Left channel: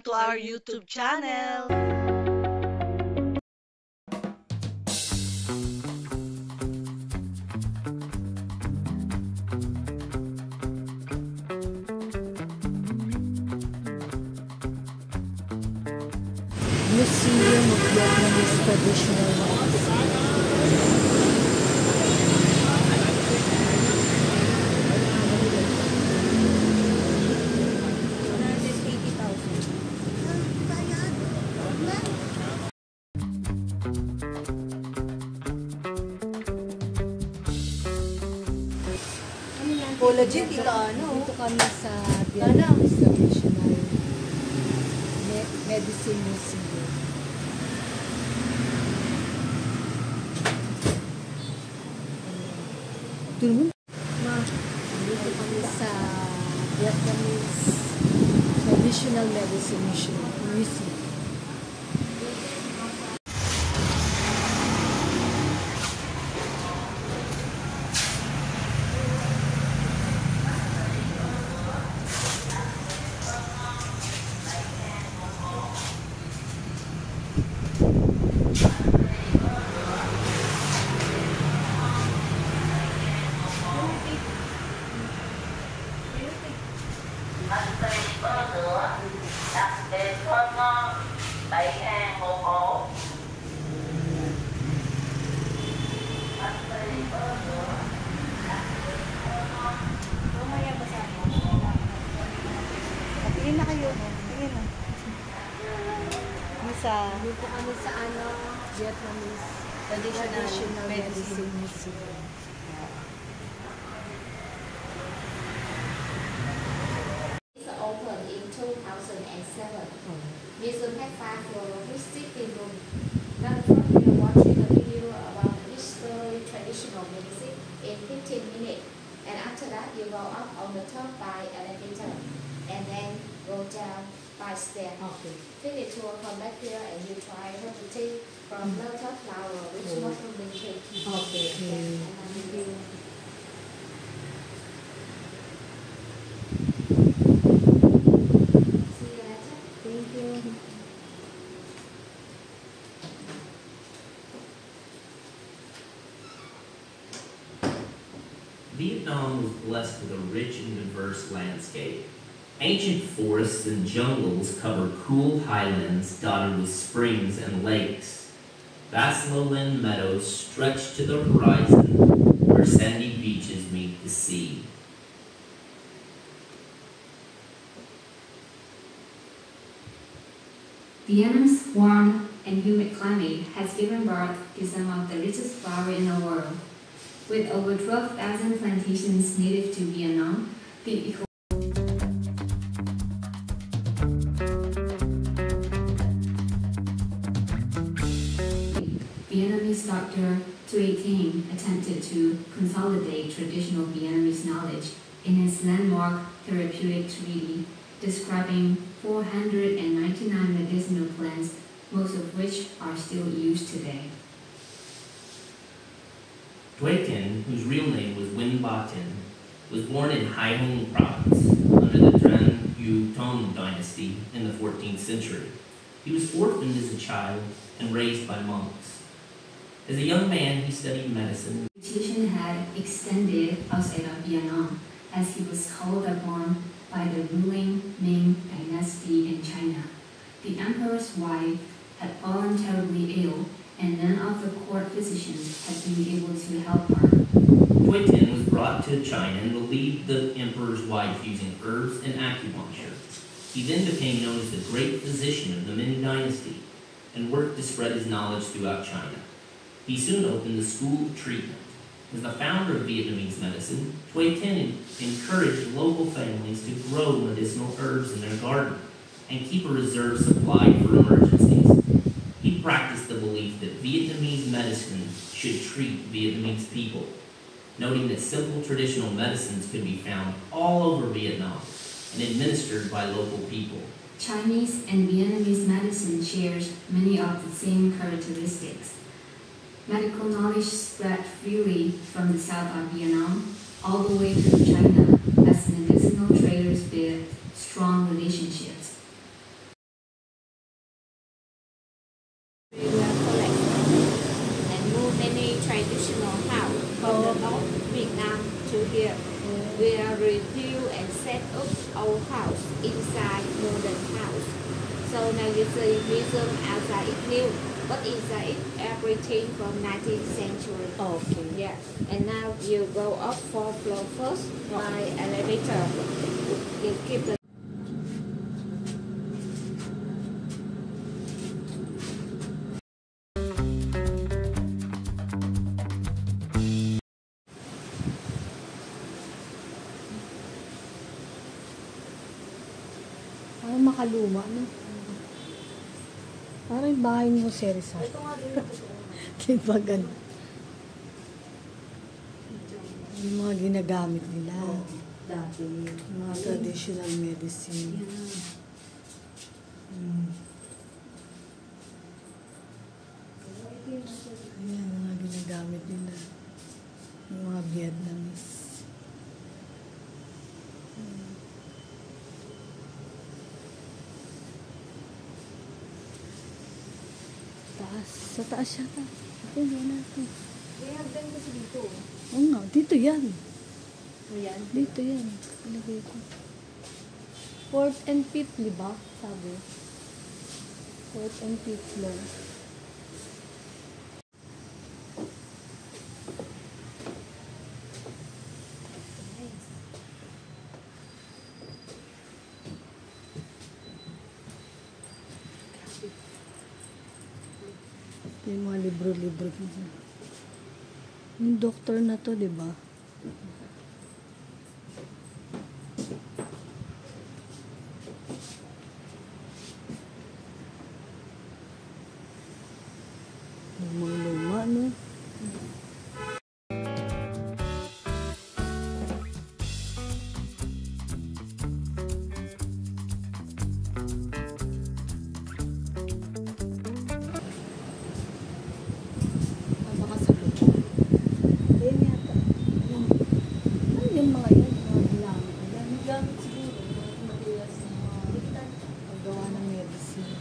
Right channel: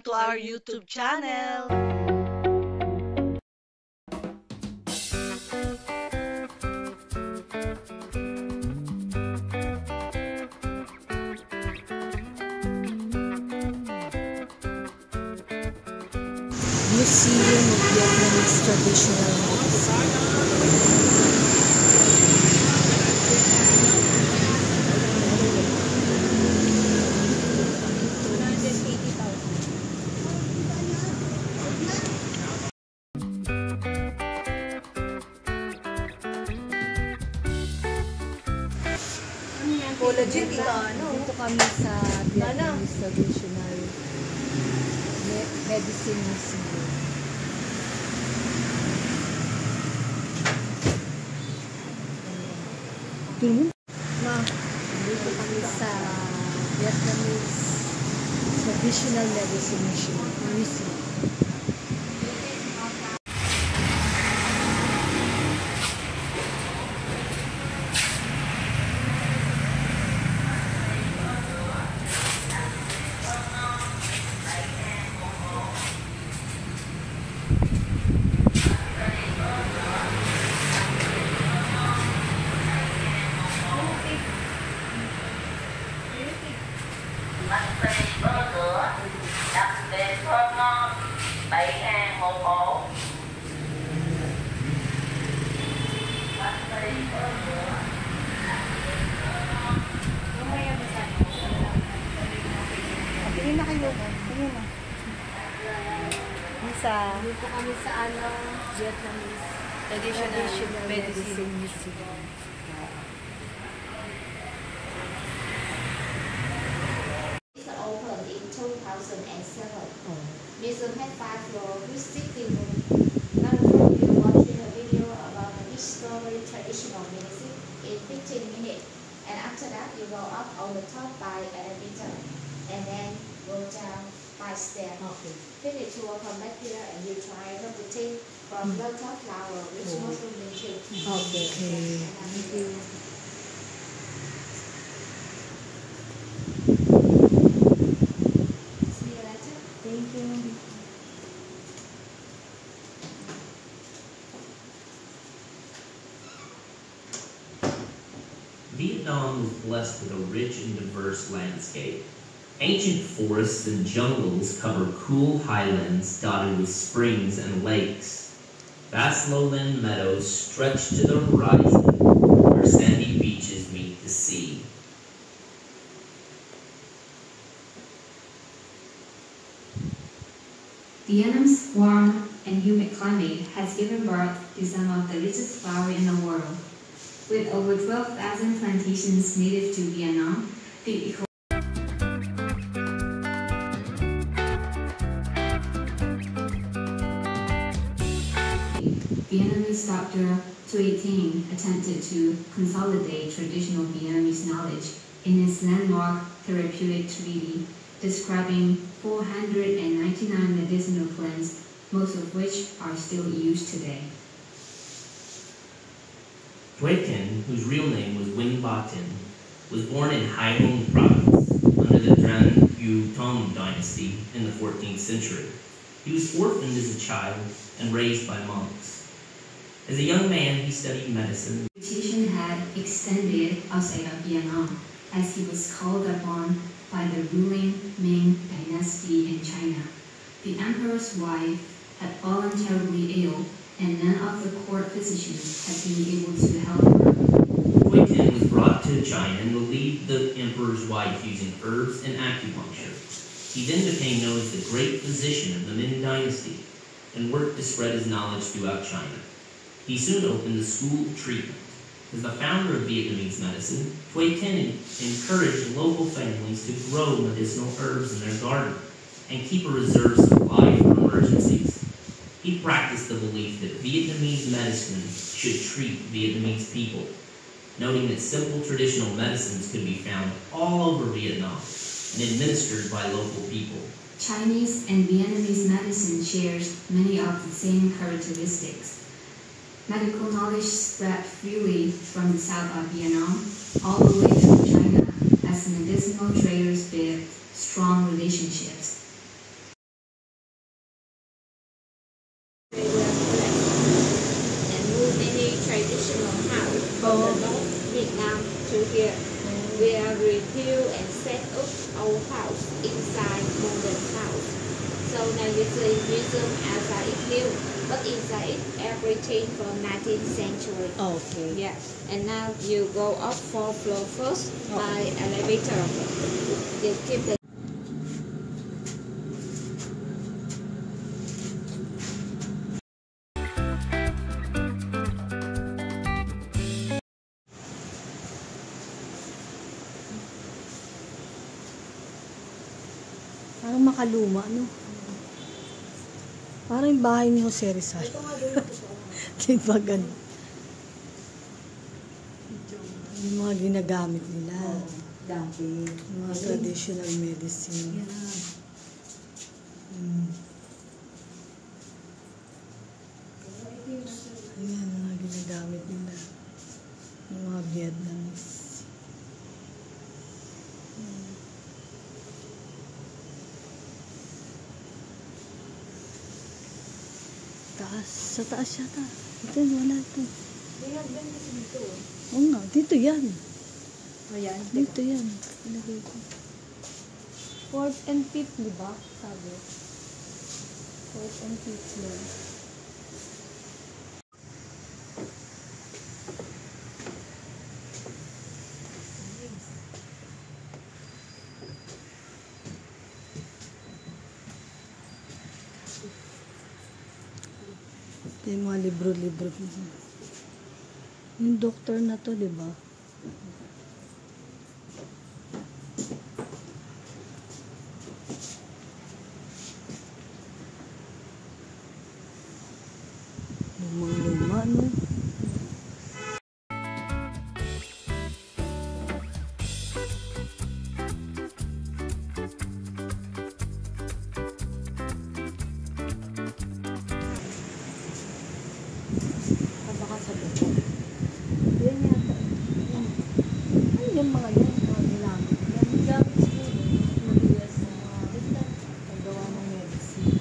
Welcome to our YouTube channel! Museum of Vietnamese Traditional Medicine. Dito kami sa Vietnamese Traditional Medicine Museum. Dito kami sa Vietnamese Traditional Medicine Museum. Bánh phê có sữa, đặc biệt thơm ngon, 7.000 một hộp. Bánh phê có sữa, đặc biệt thơm ngon. Mamaya basahin. Tingin na kayo. Tingin na. Dito kami sa Vietnamese Traditional Medicine Museum. Opened in 2007. Museum has 5 floors with 60 rooms. One floor we are watching a video about the history traditional medicine in 15 minutes. And after that you go up on the top by elevator and then go down by stairs. Okay. Finish tour, come back here and you try everything from lotus flower which Muslim they treat. Okay. Thank you. See you later. Thank you. Vietnam was blessed with a rich and diverse landscape. Ancient forests and jungles cover cool highlands dotted with springs and lakes. Vast lowland meadows stretch to the horizon, where sandy beaches meet the sea. Vietnam's warm and humid climate has given birth to some of the richest flowers in the world. With over 12,000 plantations native to Vietnam, the Vietnamese doctor Thuy Thanh attempted to consolidate traditional Vietnamese knowledge in his landmark therapeutic treatise describing 499 medicinal plants, most of which are still used today. Thuy Thanh, whose real name was Nguyen Ba Thanh, was born in Hai Hong province under the Tran Yu Tong dynasty in the 14th century. He was orphaned as a child and raised by monks. As a young man, he studied medicine. Reputation had extended outside of Vietnam, as he was called upon by the ruling Ming dynasty in China. The emperor's wife had fallen terribly ill, and none of the court physicians had been able to help her. Thuy Thanh was brought to China and relieved the emperor's wife using herbs and acupuncture. He then became known as the great physician of the Ming dynasty and worked to spread his knowledge throughout China. He soon opened a school of treatment. As the founder of Vietnamese medicine, Thuy Thanh encouraged local families to grow medicinal herbs in their garden and keep a reserve supply for emergencies. He practiced the belief that Vietnamese medicine should treat Vietnamese people, noting that simple traditional medicines could be found all over Vietnam and administered by local people. Chinese and Vietnamese medicine shares many of the same characteristics. Medical knowledge spread freely from the south of Vietnam all the way to China as medicinal traders built strong relationships. traditional house from the North Vietnam to here. We are rebuild and set up our house inside modern house. So now you see museum outside is new, but inside it everything from 19th century. Okay. Yeah, and now you go up 4th floor first by elevator. You keep the Parang makaluma, no? Parang yung bahay ni Jose Rizal. Diba ganun? Yung mga ginagamit nila. Yung mga traditional medicine. Ayan, mga ginagamit nila. Yung mga Vietnamese. Taas. Sa taas yata. Ito, wala ito. Oo nga, dito yan. Ayan. Dito yan. Ilagay ko. 4th and 5th, di ba? Sabi. 4th and 5th floor. Yung mga libro-libro. Yung doktor na to, di ba? Lumang-luma, no? Yan yata. Ano yung mga yan? Mga ginamit nila. Yung gamit siguro. Mga materials na paggawa ng medicine.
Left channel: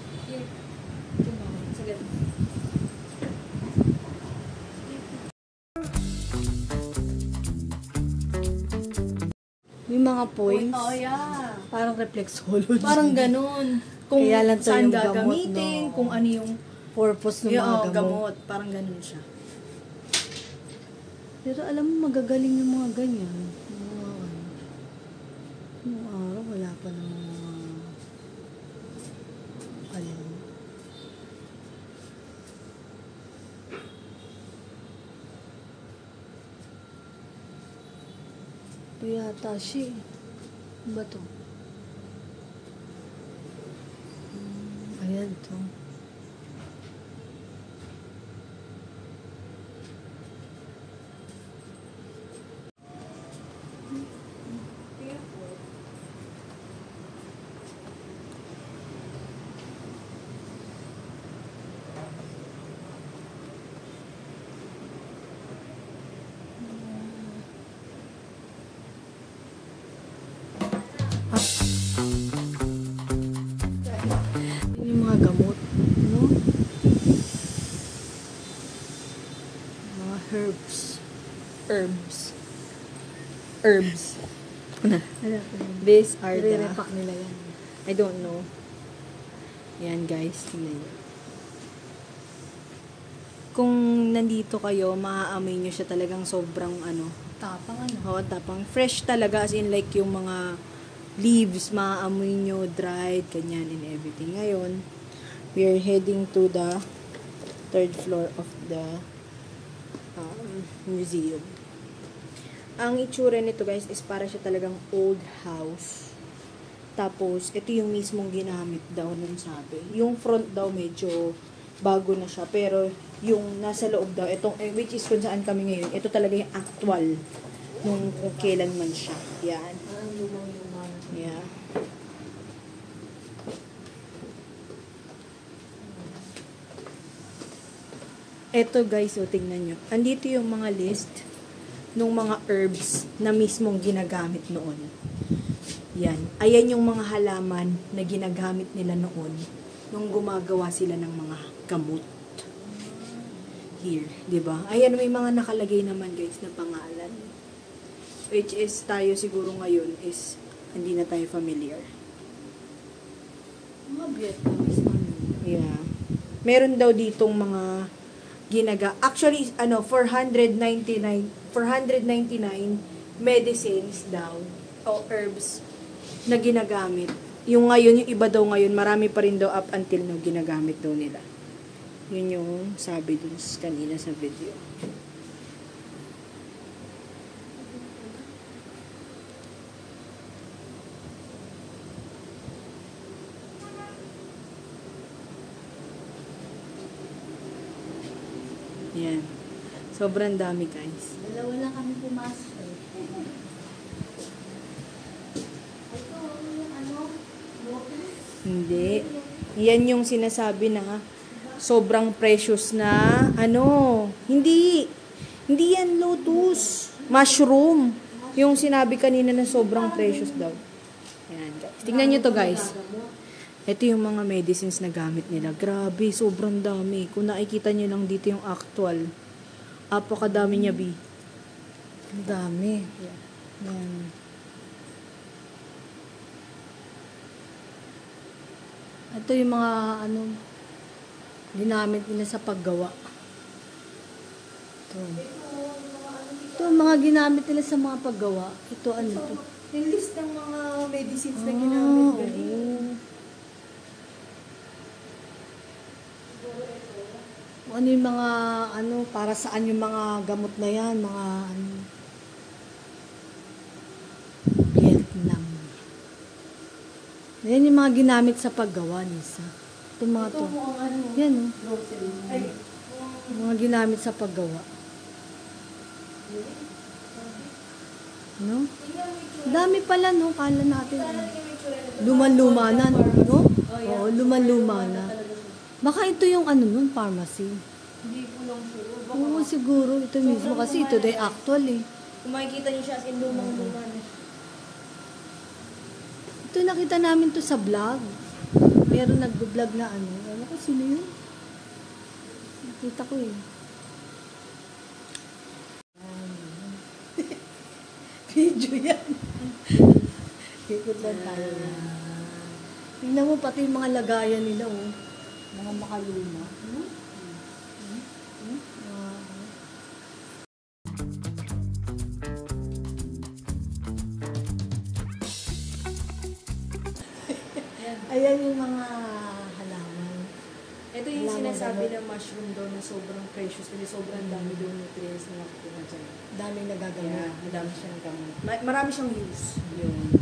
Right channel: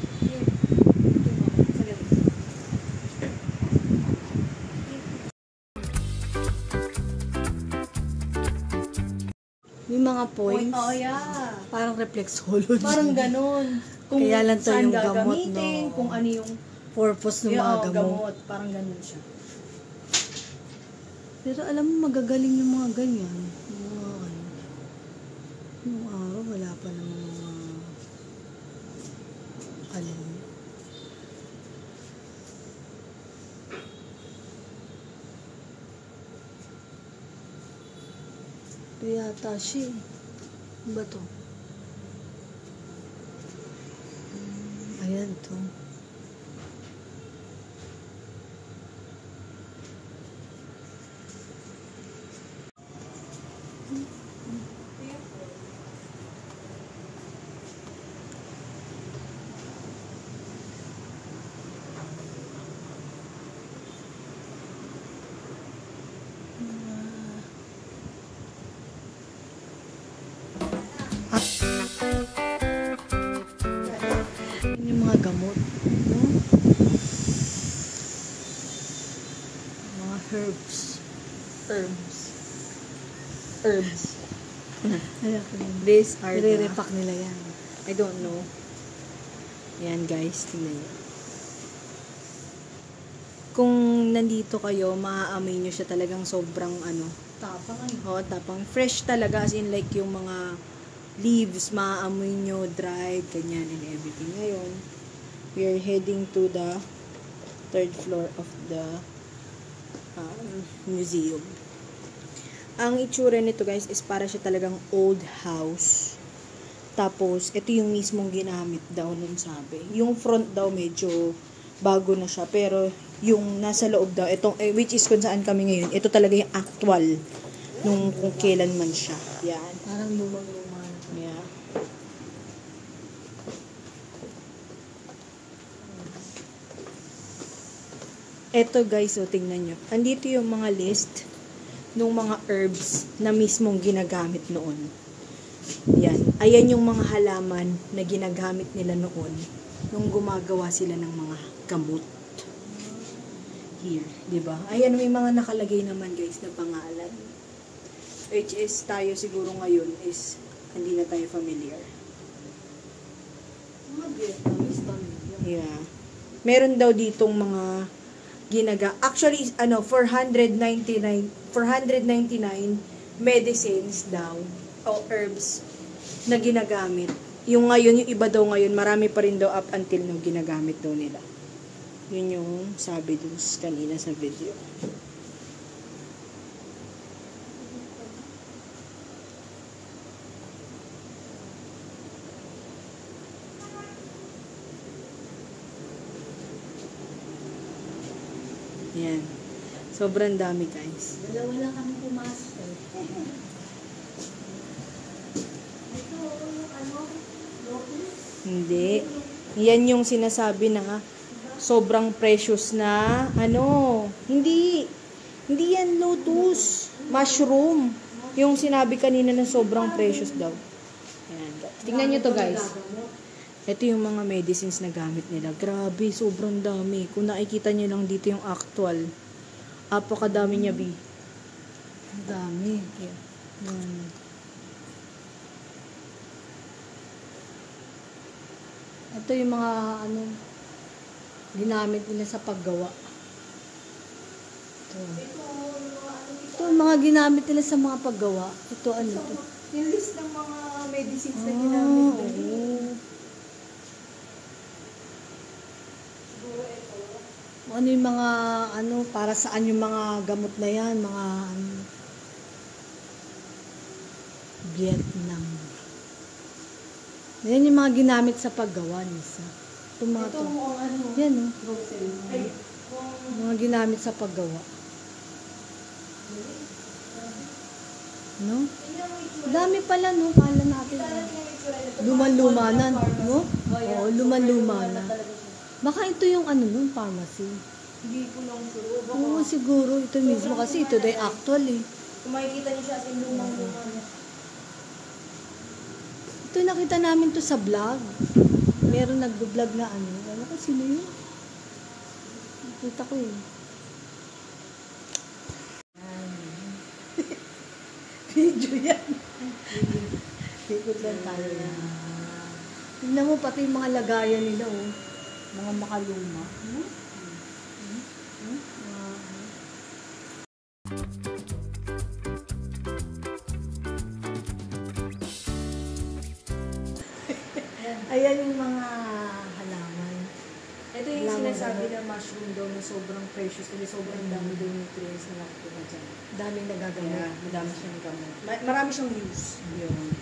May mga points. Oh, yeah. Parang reflexology. Parang ganun. Kung Kaya lang to saan yung gamot, gagamitin, no? kung ano yung Purpose ng mga gamot. Parang ganun siya. Pero alam mo, magagaling yung mga ganyan. Yung mga ano. Nung araw, wala pa namang mga alam. Ito yata siya. Ano ba to? Ayan to. Yung mga gamot, no? Mga herbs. Ano pa yun? These are the... Nire-repack nila yan. I don't know. Yan guys, tingnan nyo. Kung nandito kayo, maaamoy nyo siya talagang sobrang ano. Tapang ano? Oo, tapang. Fresh talaga, as in like yung mga leaves, maaamoy nyo, dried, ganyan, and everything. Ngayon, we are heading to the 3rd floor of the museum. Ang itsura nito guys is para siya talagang old house. Tapos, ito yung mismong ginamit daw ng sabi. Yung front daw medyo bago na siya. Pero, yung nasa loob daw, itong, which is kung saan kami ngayon, ito talaga yung actual nung kung kailan man siya. Yan. Parang lubang-luma. Yeah. Eto guys, so tingnan nyo. Andito yung mga list ng mga herbs na mismong ginagamit noon. Yan. Ayan yung mga halaman na ginagamit nila noon nung gumagawa sila ng mga gamot. here, di ba? Ayan, may mga nakalagay naman guys na pangalan. Which is tayo siguro ngayon is hindi na tayo familiar. Mga Vietnamese pamilya. Yeah. Meron daw ditong mga actually, 499 medicines daw o herbs na ginagamit. Yung ngayon, yung iba daw ngayon, marami pa rin daw up until now ginagamit daw nila. Yun yung sabi dun kanina sa video. Yan. Sobrang dami, guys. Dalawa lang kami pumasok eh. Ito, Hindi. Yan yung sinasabi na sobrang precious na Hindi. Hindi yan lotus. Mushroom. Yung sinabi kanina na sobrang precious daw. Ayan, guys. Tingnan nyo to, guys. Ito yung mga medicines na gamit nila. Grabe, sobrang dami. Kung nakikita nyo lang dito yung actual. Apakadami niya, B. ang dami. Yan. Ito yung mga ginamit nila sa paggawa. Ito. Ito yung mga ginamit nila sa mga paggawa. Ito to? Yung list ng mga medicines na Oo. Ano yung mga para saan yung mga gamot na yan, mga Vietnam. Yan yung mga ginamit sa paggawa nisa. Itong mga to. Yan mga ginamit sa paggawa. No? Dami pala, no? Kala natin. Luman-luma na, no? Oo, luman-luma na. Baka ito yung yung pharmacy. Hindi ko lang sure. Oo, siguro. Ito mismo kasi ito day actual eh. Kung makikita niyo siya, lumang-luma na. Ito nakita namin to sa vlog. Meron nagbo-vlog na Ano ko, sino yun? Nakita ko eh. Video yan. Ikot lang tayo yan. Tingnan mo pati yung mga lagayan nila mga makaluma. Ayan yung mga halaman. Ito yung Halaman sinasabi daw. ng mushroom daw na sobrang precious kasi sobrang dami daw nutrients na nakukuha dyan. Daming nagagamit. Kaya madami siyang gamot. Marami siyang use. Yun.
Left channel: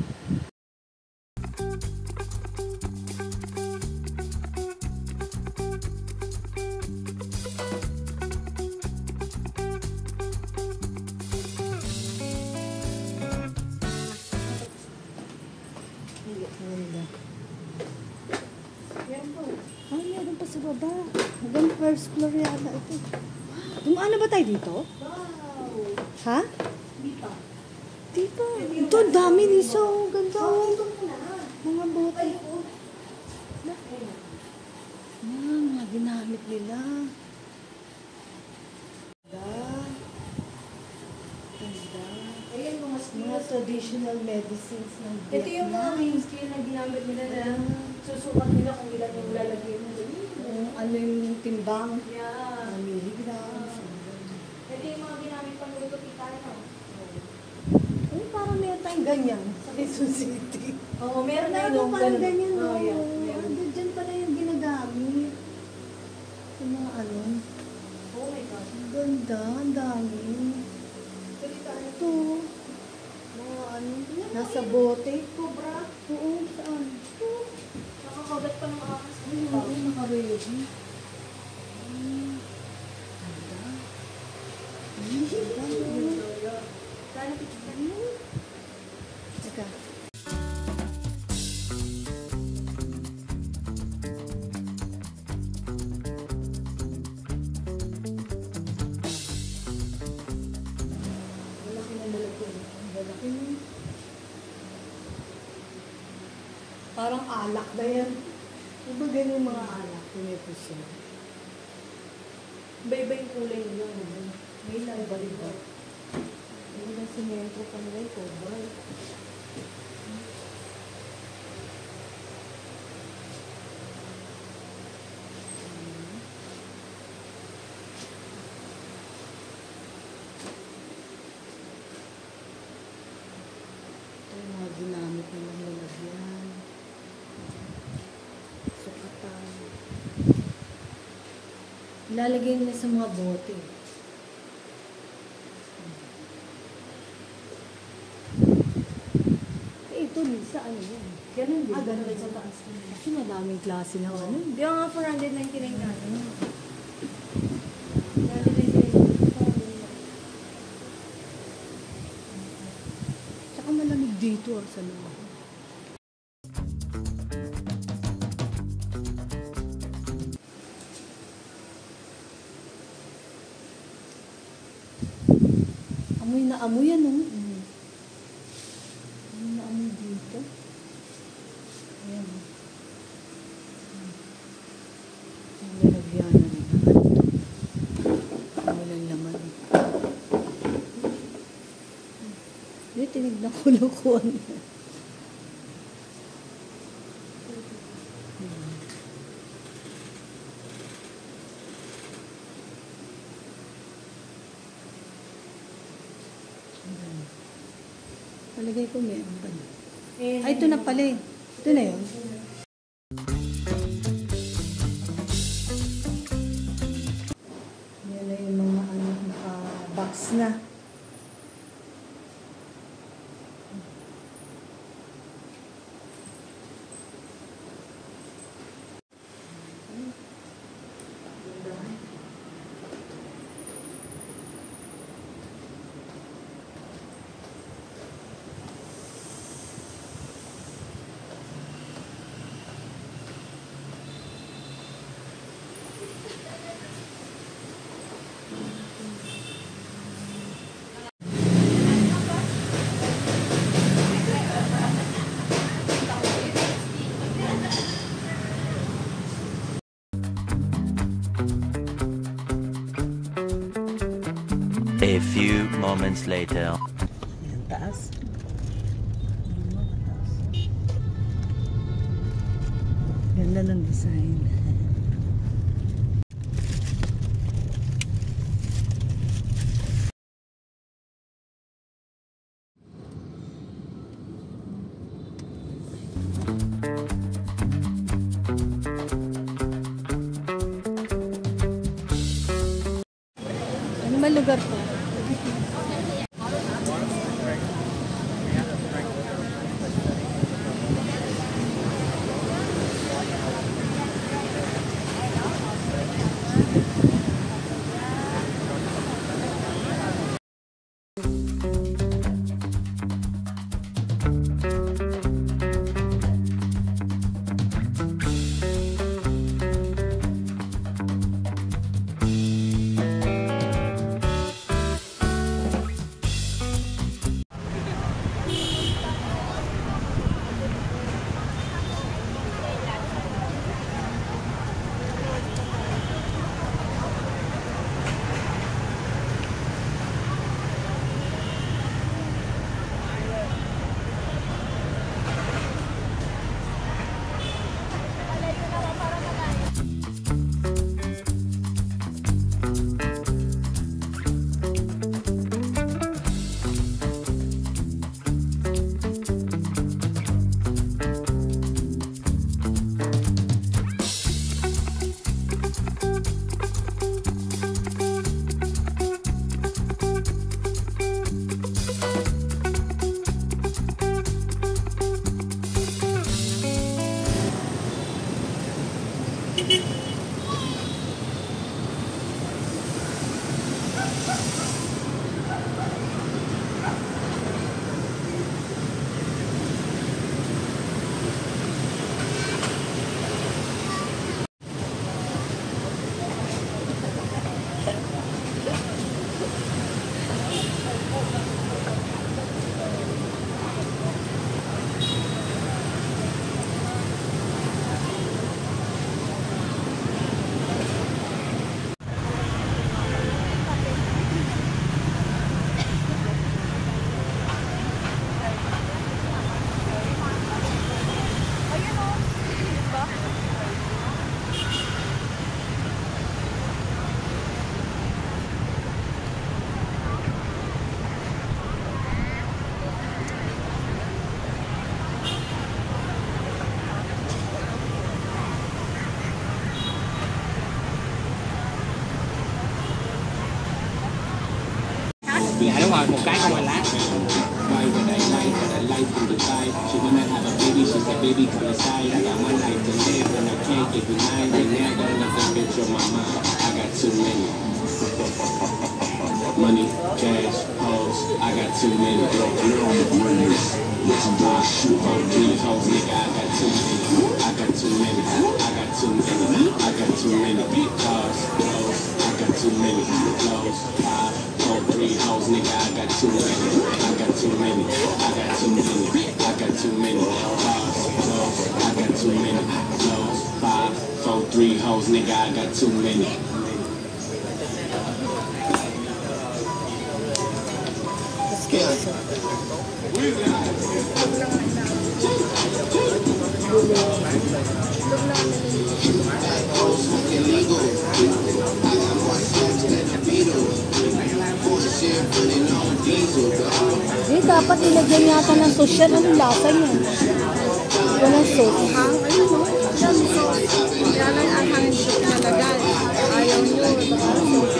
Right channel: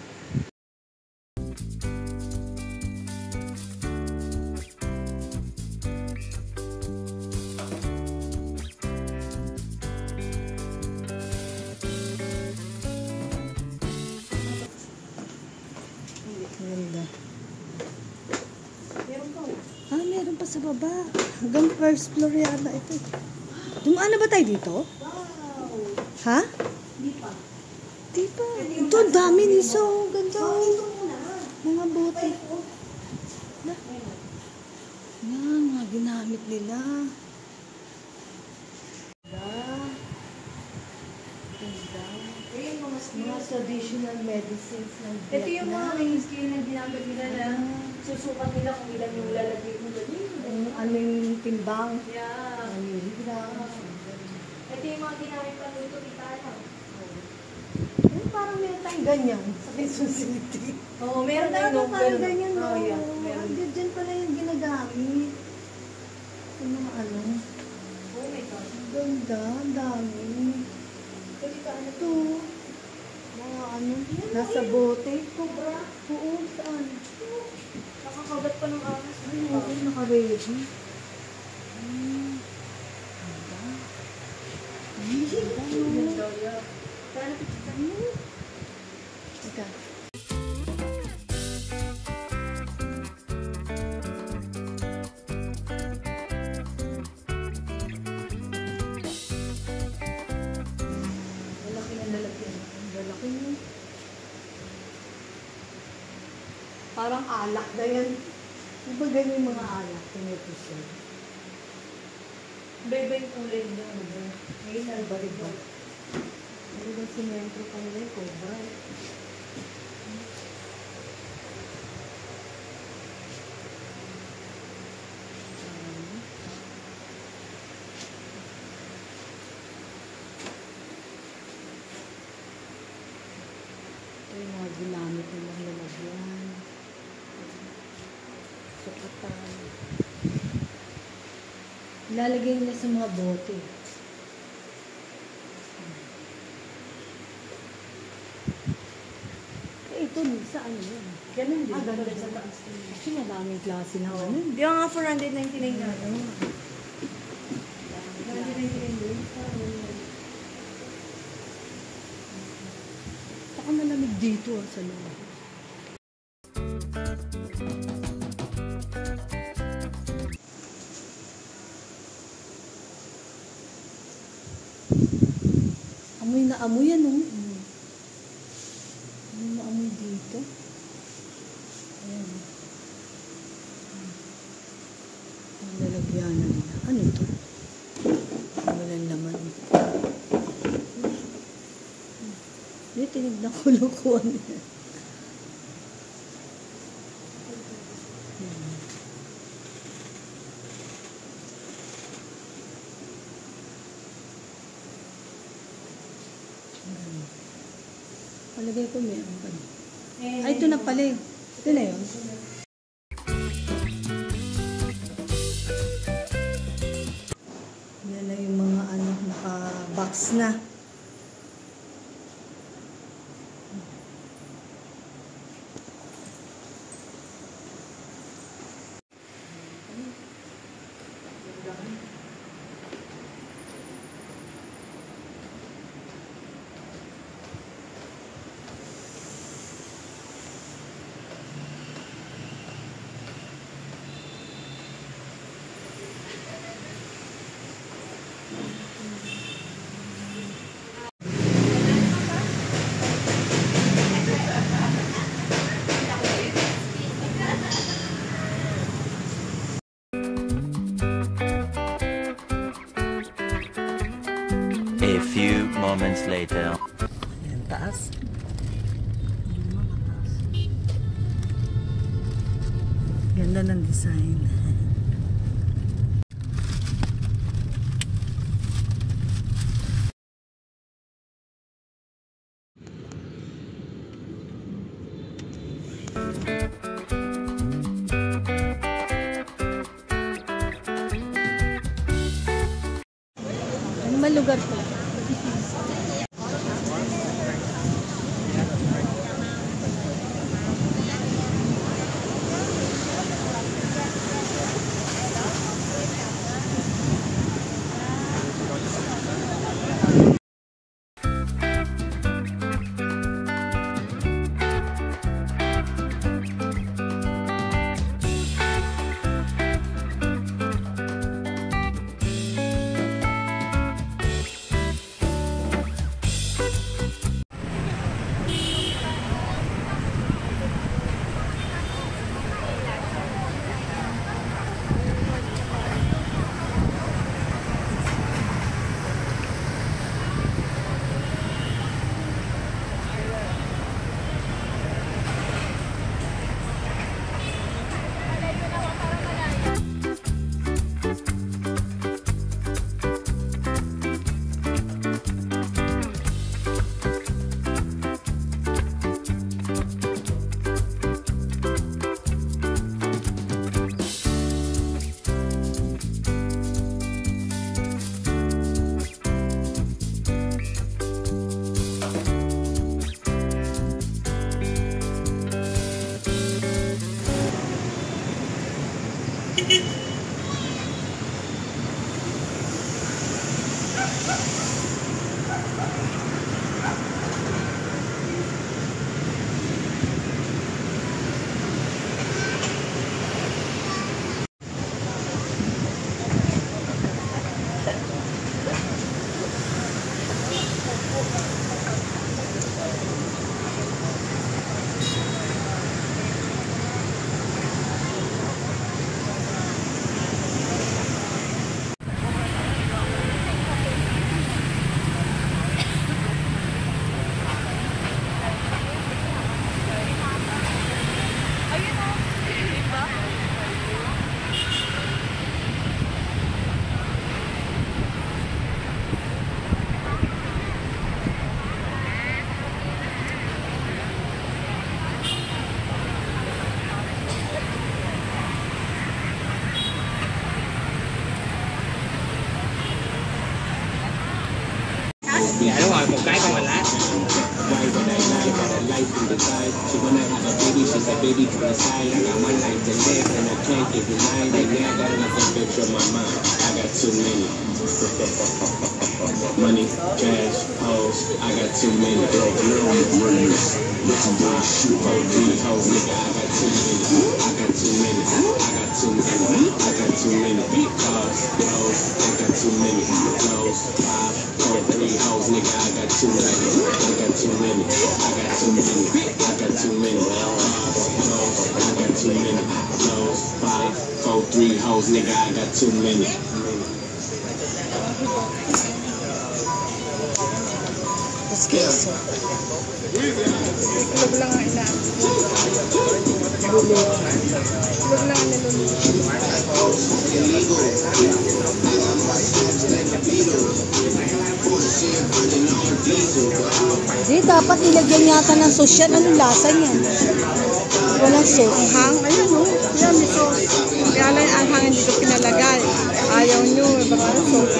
Ganda. Meron pa sa baba. Hanggang first floor yata ito. Dumaan na ba tayo dito? Ha? Di pa. Ito, ang dami niso. Ganda mga bote. Mga ginamit nila. Mga traditional medicines ng Vietnam. Ito yung mga mainstream na ginamit nila na susukat nila kung ilan yung lalagay mo. Ano yung timbang? Yeah. Milligrams. Ito yung mga ginamit pang luto pitaya. Parang meron tayong ganyan sa Quezon City. Oo, meron na Meron yung tayong ganyan, no? Oh, yeah. Meron. Diyan pala yung ginagamit. Yung mga Oh my God. Ganda, ang dami. Ito. Mga nasa bote. Cobra. Oo, saan? Nakakagat pa ng ahas. Ay, oo, naka-ready. Ganda. Kaya napicture mo. Teka. Lalaki na lalaki. Lalaki. Parang alak na yan. Diba ganyan mga alak? Pinupusyan. Iba-iba yung kulay niya. Ngayon, Iba-iba. Ano ba simentro kanila yung cobra? Ito yung mga ginamit ng mga lalagyan. Sukatan. Ilalagay nila sa mga bote. Ito, Lisa, ano yan? Ganun din. ganda sa taas. Kasi madaming klase na ano. Yung nga 499 natin. Tsaka malamig dito sa loob. Amoy na amoy yan, oh. Amoy na amoy dito. Ayan, oh. Ang lalagyanan nila. Ano to? Walang laman. Hindi, tinignan ko lang kung ano yan. Palagay ko meron pa. Ay, ito na pala eh. Ito na yun. Yan na yung mga ano, naka-box na. A few moments later. Ayan, taas. Ganda ng design. Ano ba lugar to? Dạ đúng rồi, một cái con lá. Money, cash, hoes, I got too many. Listen to shoot on 3 hoes, nigga, I got too many. I got too many. I got too many. I got too many. Cars, hoes, I got too many. Clothes, 5, 4, 3 hoes, nigga, I got too many. I got too many. I got too many. I got too many. Cars, clothes, I got too many. Clothes, 5, 4, 3 hoes, nigga, I got too many. Queso. Hindi, dapat nilagyan yata ng sauce yan. Anong lasa niyan? Walang sauce. Ayun mo. Yan, may sauce. Kaya lang ang hangin dito pinalagay. Ayaw nyo. Baka sauce.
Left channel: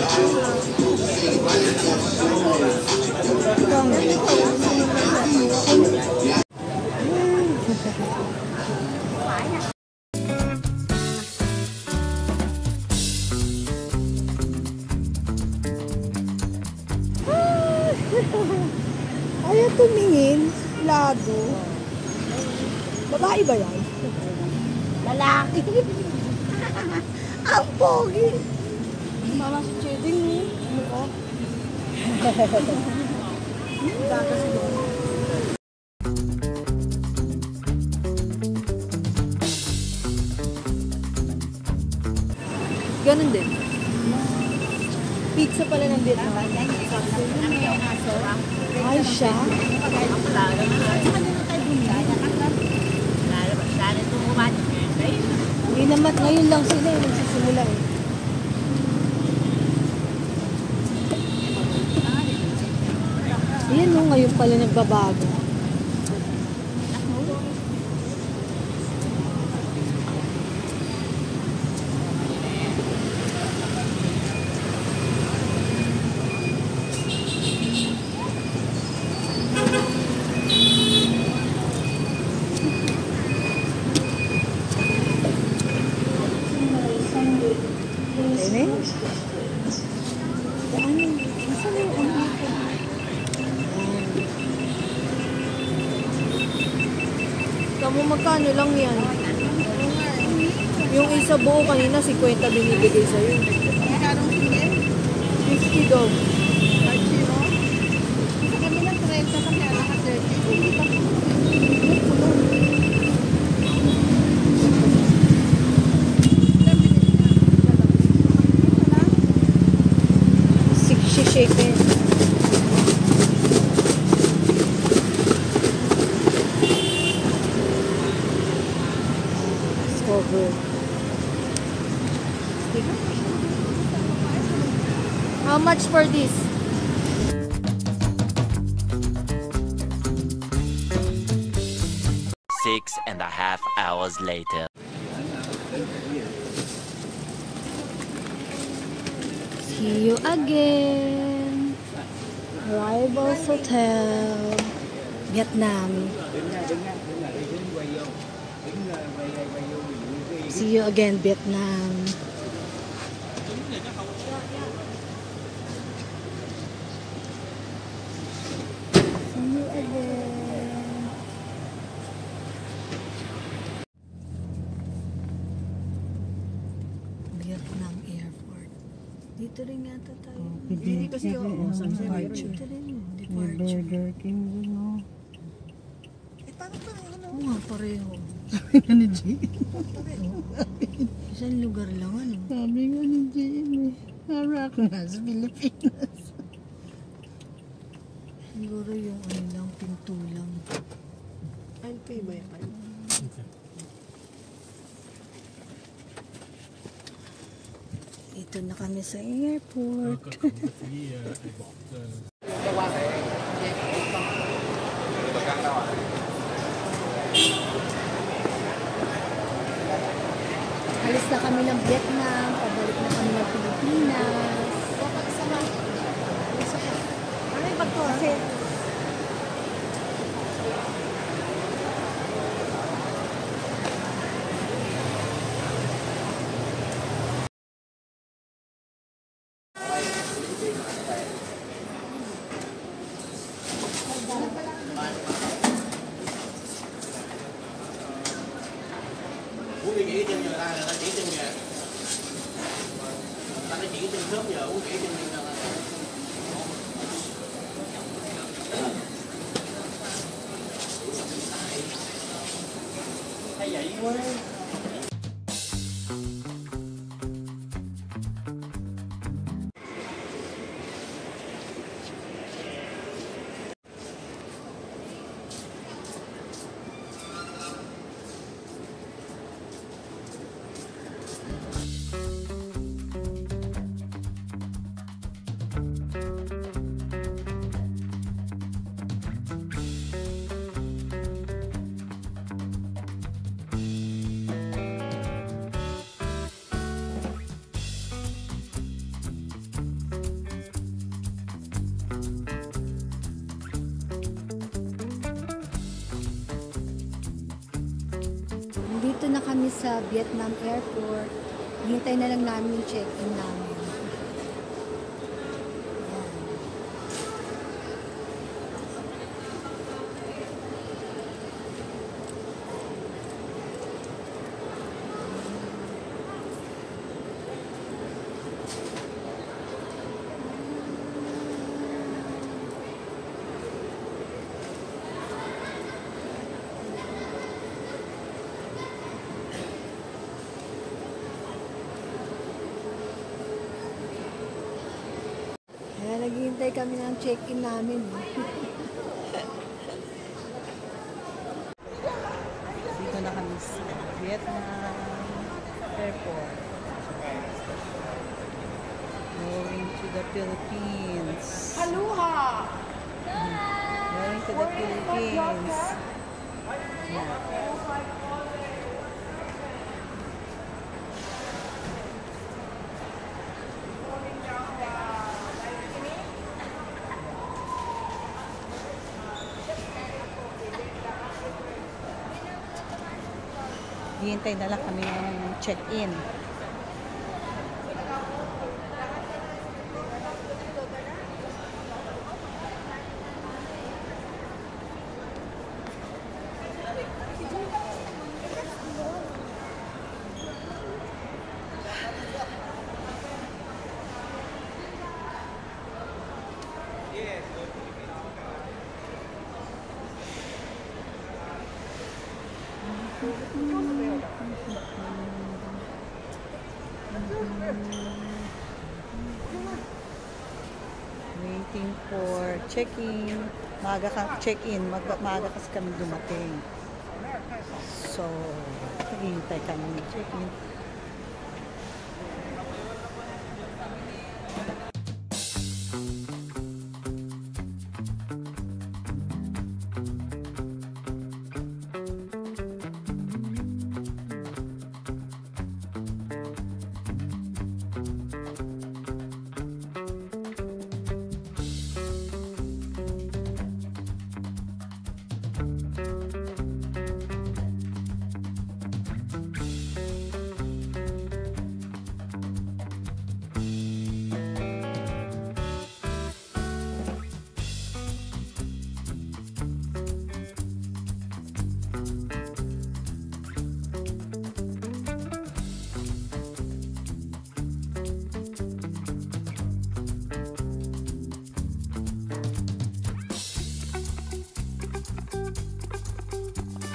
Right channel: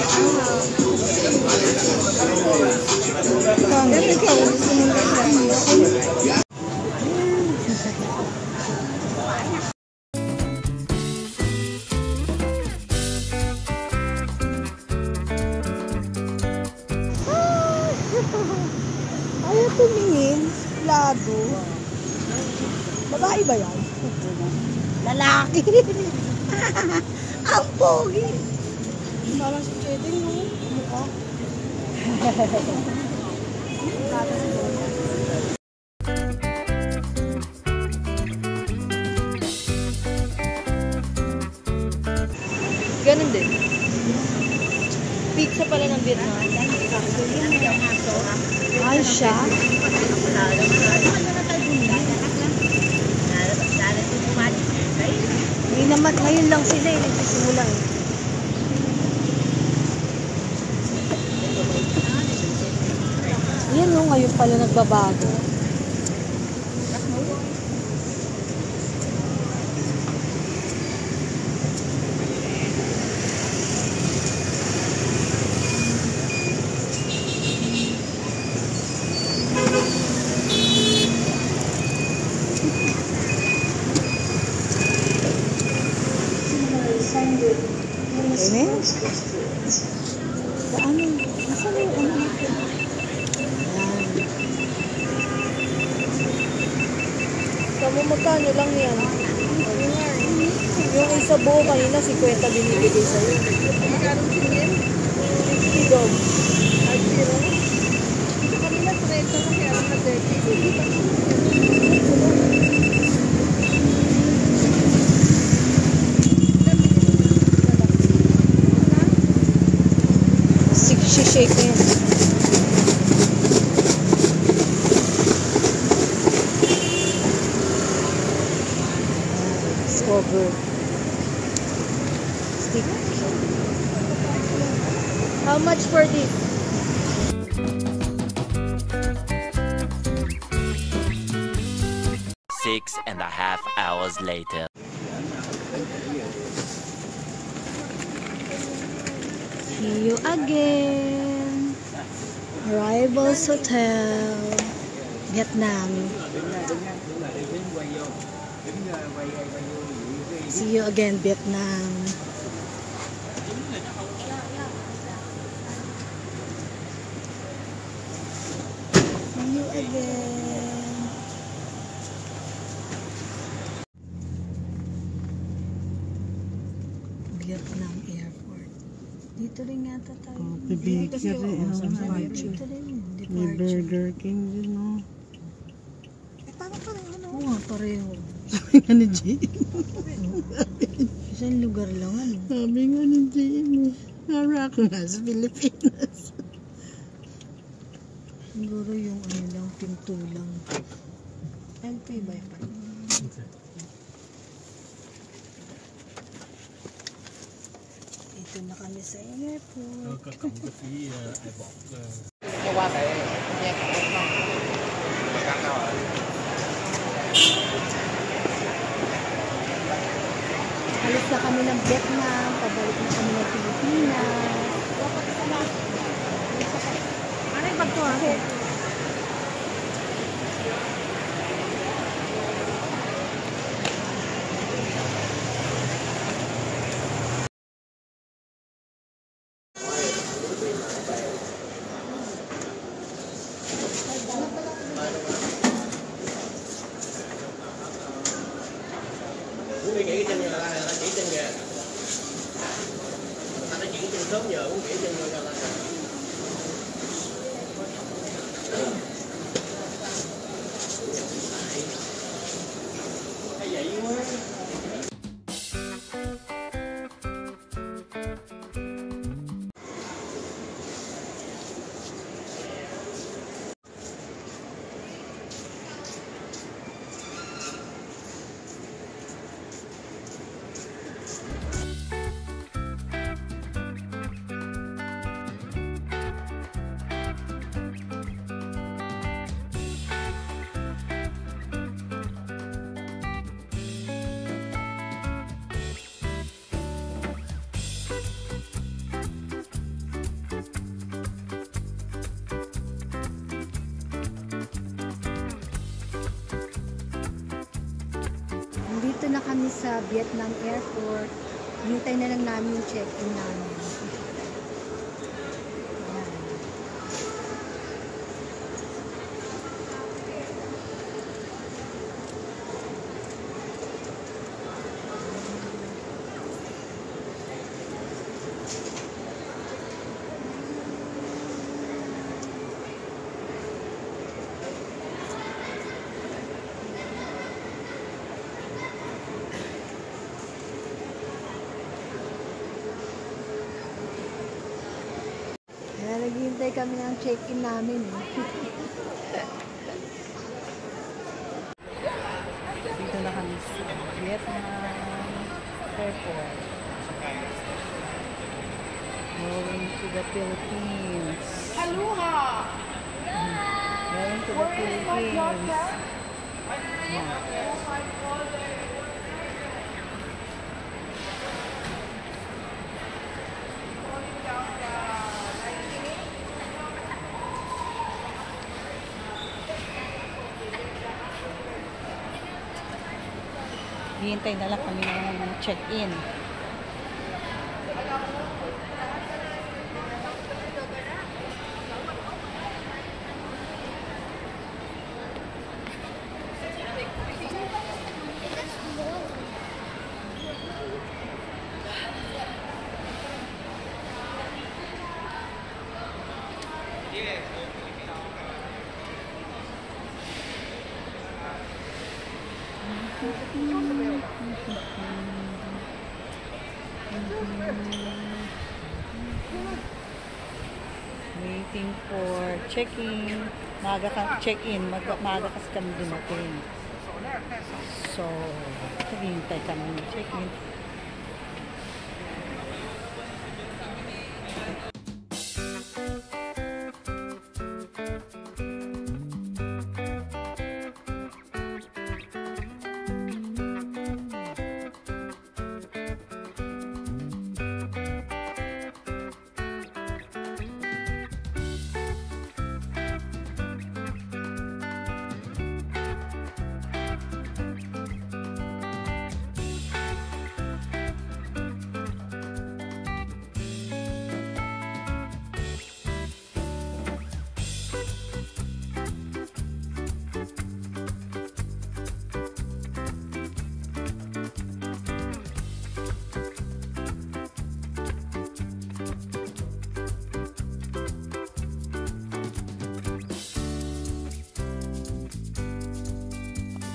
Ayaw tumingin. Lado. Babae ba yan? Lalaki. Ang pogi. Mama si Chedin, no? Mukha. Ganun din. Pizza pala ng Vietnam. Ay, siya. Hindi naman, ngayon lang sila eh. Nagsisimula eh. Yan no, ngayon pala nagbabago. Ini? Ano? Nasaan yung ano? Tama, magkano lang yan? Yung isa buo kanina, 50 binibigay sa'yo. $50. Shake it. Cover. Stick. How much for this? Six and a half hours later. See you again. Arrivals Hotel, Vietnam. See you again, Vietnam. See you again. Vietnam Airport. Dito rin yata tayo. Dito kasi Dito rin. May Burger King din, no? Oo nga, pareho. Sabi nga ni Jane. Isang lugar lang, ano? Sabi nga ni Jane, para ako nga sa Pilipinas. Siguro yung ano lang, pinto lang. I'll pay by 5. Ito na kami sa airport. Alis na kami ng Vietnam, pabalik na kami ng Pilipinas. lakad ko kasi. Uống đi nghỉ chân người ta chỉ chân kìa. Anh chỉ chân sớm giờ uống nghỉ chân người ta. Hay vậy quá. Dito na kami sa Vietnam Airport. Hintay na lang namin yung check-in namin. Ayan. Kaya naghihintay kami ng check-in namin. Dito na kami sa Vietnam Airport. Going to the Philippines. Aloha! Going to the Philippines. Yeah. Hihintay na lang kami ng check-in. Waiting for check-in. Maaga ka check-in, maaga kasi kami dumating. So, naghihintay kami ng check-in.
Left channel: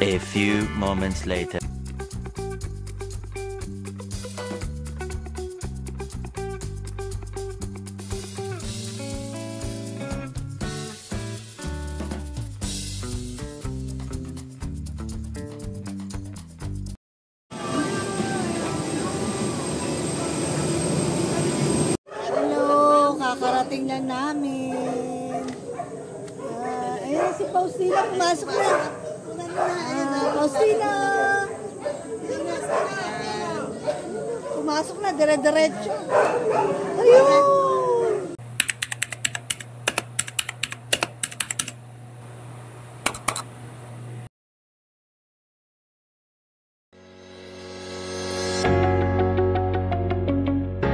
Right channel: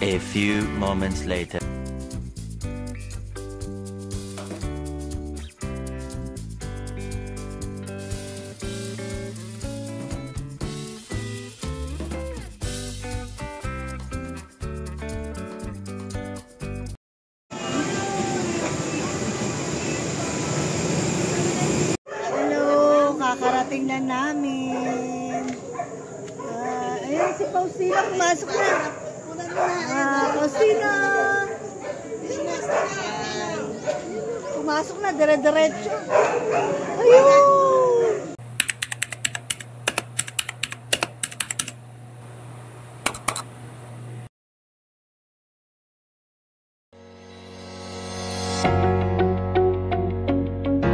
A few moments later. Hello, kakarating na namin. Ayan si Faustina, pumasok na. Faustina! Pumasok na, dire-diretso. Ayun!